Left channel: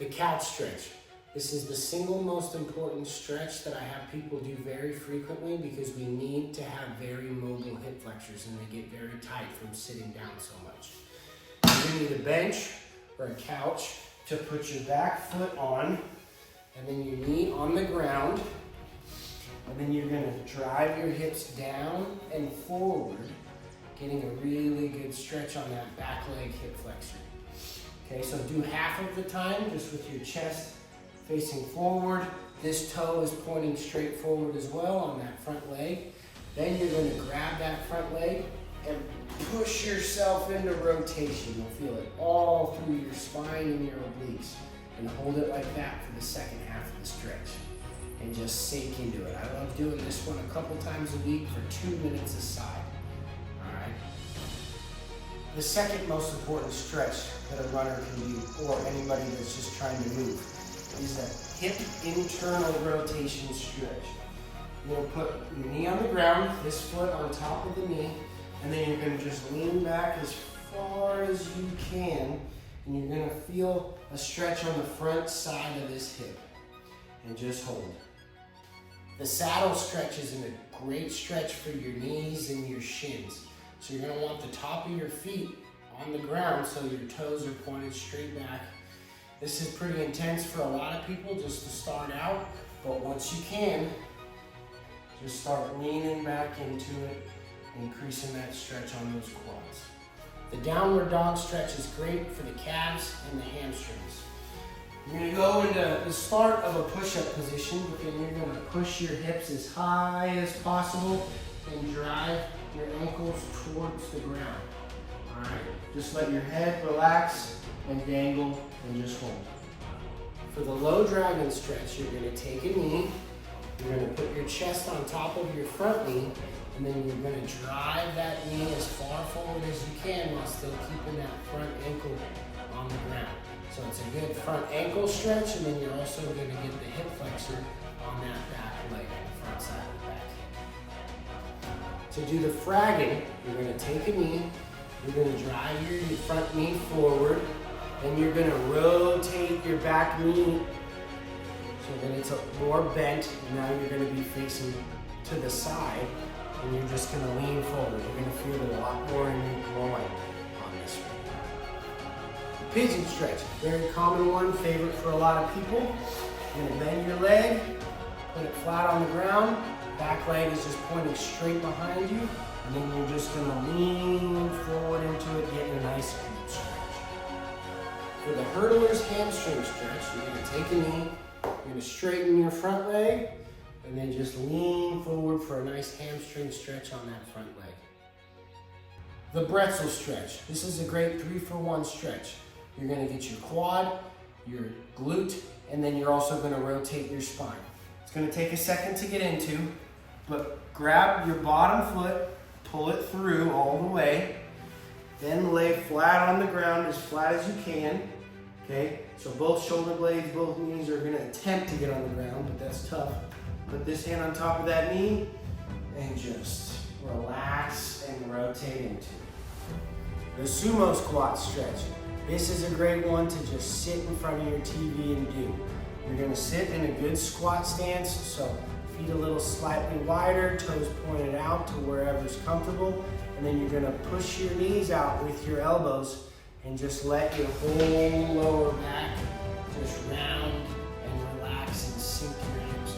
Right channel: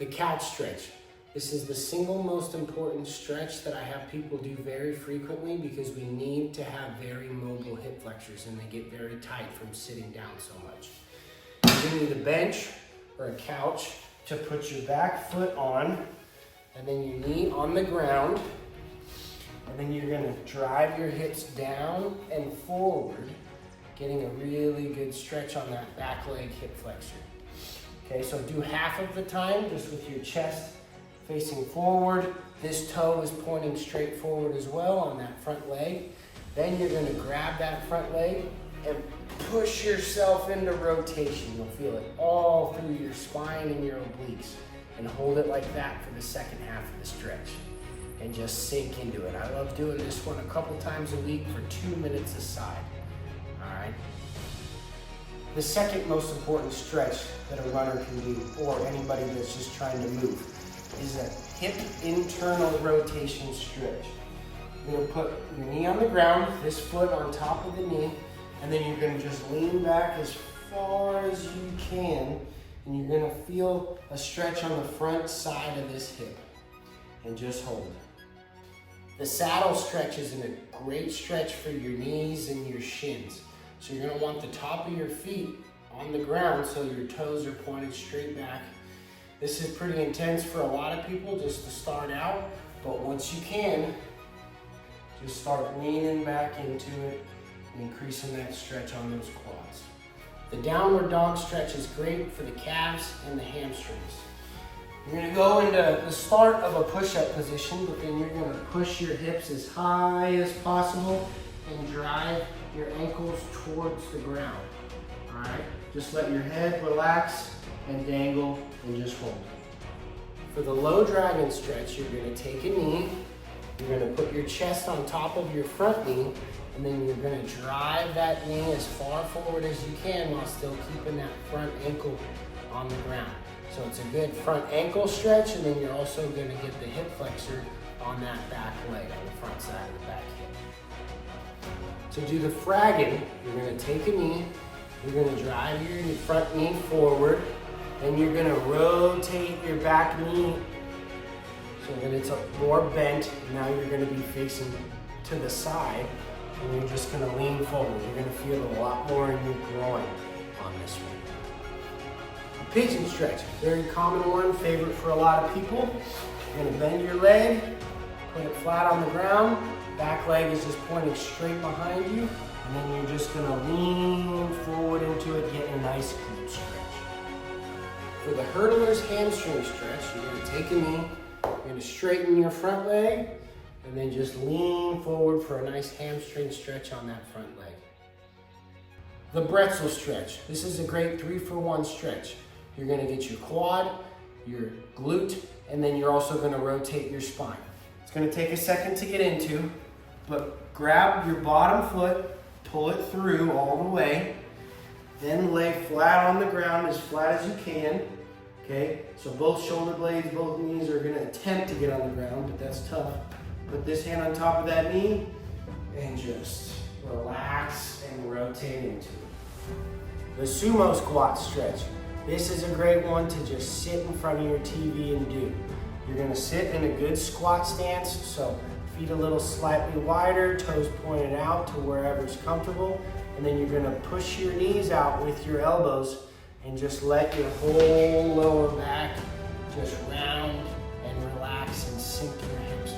The couch stretch. This is the single most important stretch that I have people do very frequently because we need to have very mobile hip flexors and they get very tight from sitting down so much. You're gonna need a bench or a couch to put your back foot on, and then your knee on the ground, and then you're gonna drive your hips down and forward, getting a really good stretch on that back leg hip flexor. Okay, so do half of the time just with your chest facing forward. This toe is pointing straight forward as well on that front leg. Then you're gonna grab that front leg and push yourself into rotation. You'll feel it all through your spine and your obliques. And hold it like that for the second half of the stretch. And just sink into it. I love doing this one a couple times a week for 2 minutes a side. All right. The second most important stretch that a runner can do, or anybody that's just trying to move, is a hip internal rotation stretch. You're gonna put your knee on the ground, this foot on top of the knee, and then you're gonna just lean back as far as you can, and you're gonna feel a stretch on the front side of this hip, and just hold. The saddle stretch is a great stretch for your knees and your shins. So you're gonna want the top of your feet on the ground so your toes are pointed straight back. This is pretty intense for a lot of people just to start out, but once you can, just start leaning back into it, increasing that stretch on those quads. The downward dog stretch is great for the calves and the hamstrings. You're gonna go into the start of a push-up position, but then you're gonna push your hips as high as possible and drive your ankles towards the ground. All right, just let your head relax and dangle and just hold. For the low dragon stretch, you're gonna take a knee, you're gonna put your chest on top of your front knee, and then you're gonna drive that knee as far forward as you can while still keeping that front ankle on the ground. So it's a good front ankle stretch, and then you're also gonna get the hip flexor on that back leg, on the front side of the back hip. To do the Fragon, you're gonna take a knee, you're gonna drive your front knee forward, and you're gonna rotate your back knee so that it's more bent. Now you're gonna be facing to the side, and you're just gonna lean forward. You're gonna feel a lot more in your groin on this one. The pigeon stretch, very common one, favorite for a lot of people. You're gonna bend your leg, put it flat on the ground, back leg is just pointing straight behind you, and then you're just gonna lean forward into it, getting a nice deep stretch. For the hurdler's hamstring stretch, you're gonna take a knee, you're gonna straighten your front leg, and then just lean forward for a nice hamstring stretch on that front leg. The Bretzel stretch. This is a great 3-for-1 stretch. You're gonna get your quad, your glute, and then you're also gonna rotate your spine. It's gonna take a second to get into, but grab your bottom foot, pull it through all the way, then lay flat on the ground as flat as you can, okay? So both shoulder blades, both knees are gonna attempt to get on the ground, but that's tough. Put this hand on top of that knee and just relax and rotate into it. The Sumo Squat stretch. This is a great one to just sit in front of your TV and do. You're gonna sit in a good squat stance, so feet a little slightly wider, toes pointed out to wherever's comfortable, and then you're gonna push your knees out with your elbows and just let your whole lower back just round and relax and sink your hips